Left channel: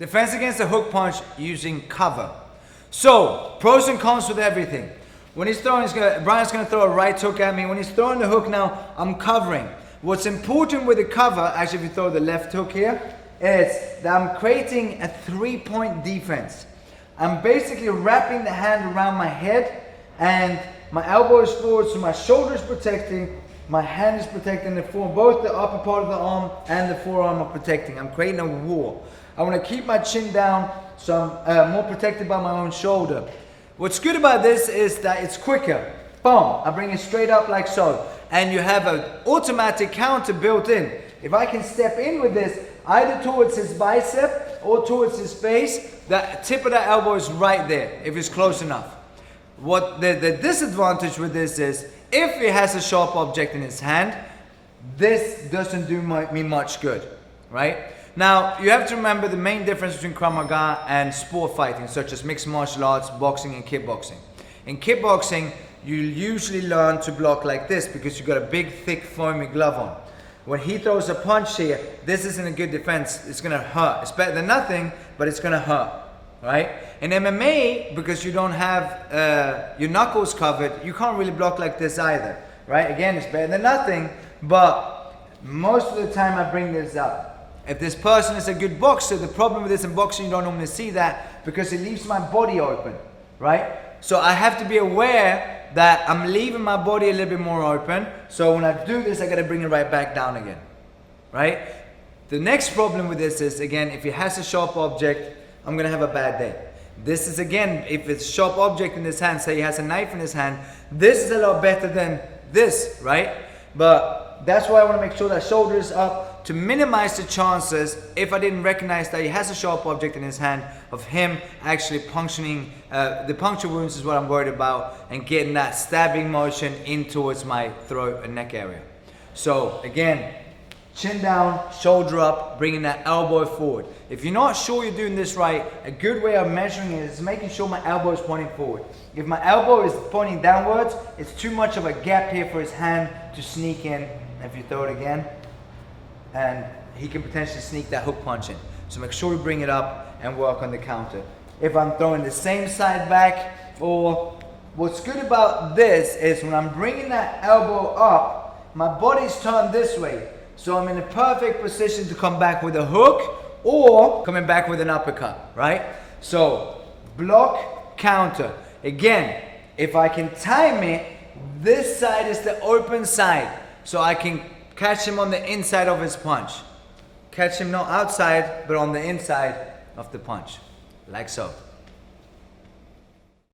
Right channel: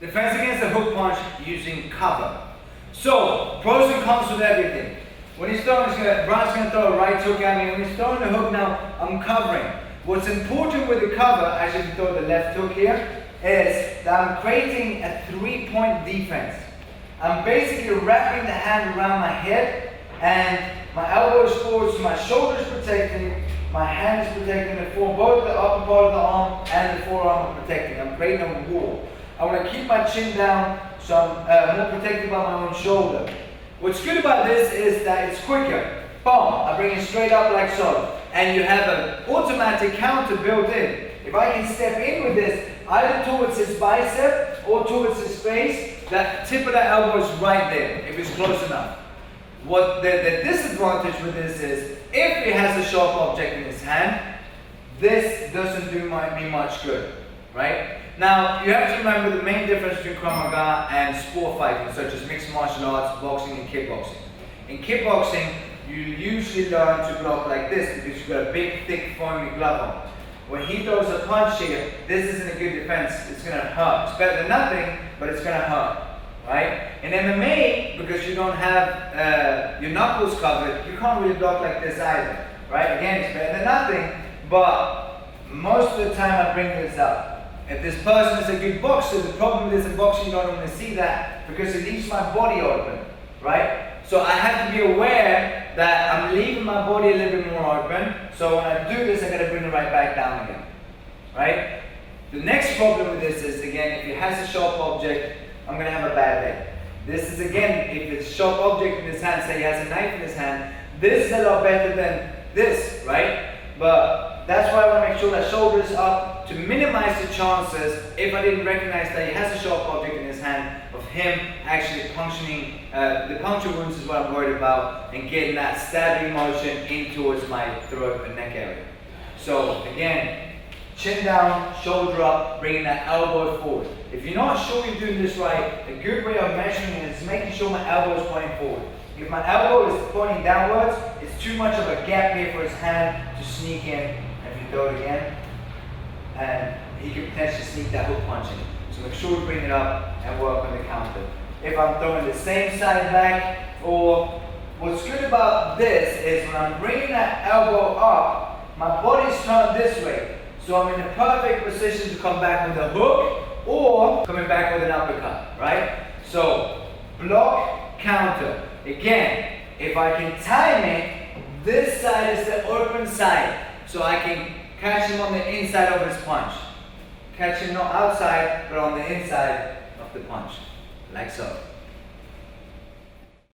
Defense against a hook punch using cover. So, pros and cons with everything. When he's throwing, Brian's going to throw a right hook at me. When he's throwing the hook now, I'm covering. What's important with the cover, actually if you throw the left hook here, is that I'm creating a 3-point defense. I'm basically wrapping the hand around my head and my elbow is forward, so my shoulder is protecting, my hand is protecting both the upper part of the arm and the forearm are protecting. I'm creating a wall. I want to keep my chin down so I'm more protected by my own shoulder. What's good about this is that it's quicker. Boom, I bring it straight up like so. And you have an automatic counter built in. If I can step in with this, either towards his bicep or towards his face, that tip of the elbow is right there, if it's close enough. What the disadvantage with this is, if he has a sharp object in his hand, this doesn't do me much good, right? Now, you have to remember the main difference between Krav Maga and sport fighting, such as mixed martial arts, boxing and kickboxing. In kickboxing, you usually learn to block like this because you've got a big, thick, foamy glove on. When he throws a punch here, this isn't a good defense. It's going to hurt. It's better than nothing, but it's going to hurt, right? In MMA, because you don't have your knuckles covered, you can't really block like this either, right? Again, it's better than nothing, but most of the time I bring this up. If this person is a good boxer, the problem with this in boxing, you don't want to see that because it leaves my body open, right? So I have to be aware that I'm leaving my body a little bit more open. So when I do this, I got to bring it right back down again, right? The next problem with this is, again, if he has a sharp object, I'm going to have a bad day. This is, again, if it's a sharp object in his hand, say he has a knife in his hand, this is a lot better than this, right? But that's why I want to make sure that shoulder is up to minimize the chances, if I didn't recognize that he has a sharp object in his hand, of him actually puncturing, the puncture wounds is what I'm worried about, and getting that stabbing motion in towards my throat and neck area. So again, chin down, shoulder up, bringing that elbow forward. If you're not sure you're doing this right, a good way of measuring it is making sure my elbow is pointing forward. If my elbow is pointing downwards, it's too much of a gap here for his hand to sneak in. If you throw it again, and he can potentially sneak that hook punch in. So make sure we bring it up and work on the counter. If I'm throwing the same side back, or what's good about this is when I'm bringing that elbow up, my body's turned this way. So I'm in a perfect position to come back with a hook or coming back with an uppercut, right? So block, counter. Again, if I can time it, this side is the open side. So I can catch him on the inside of his punch. Catch him not outside, but on the inside of the punch, like so.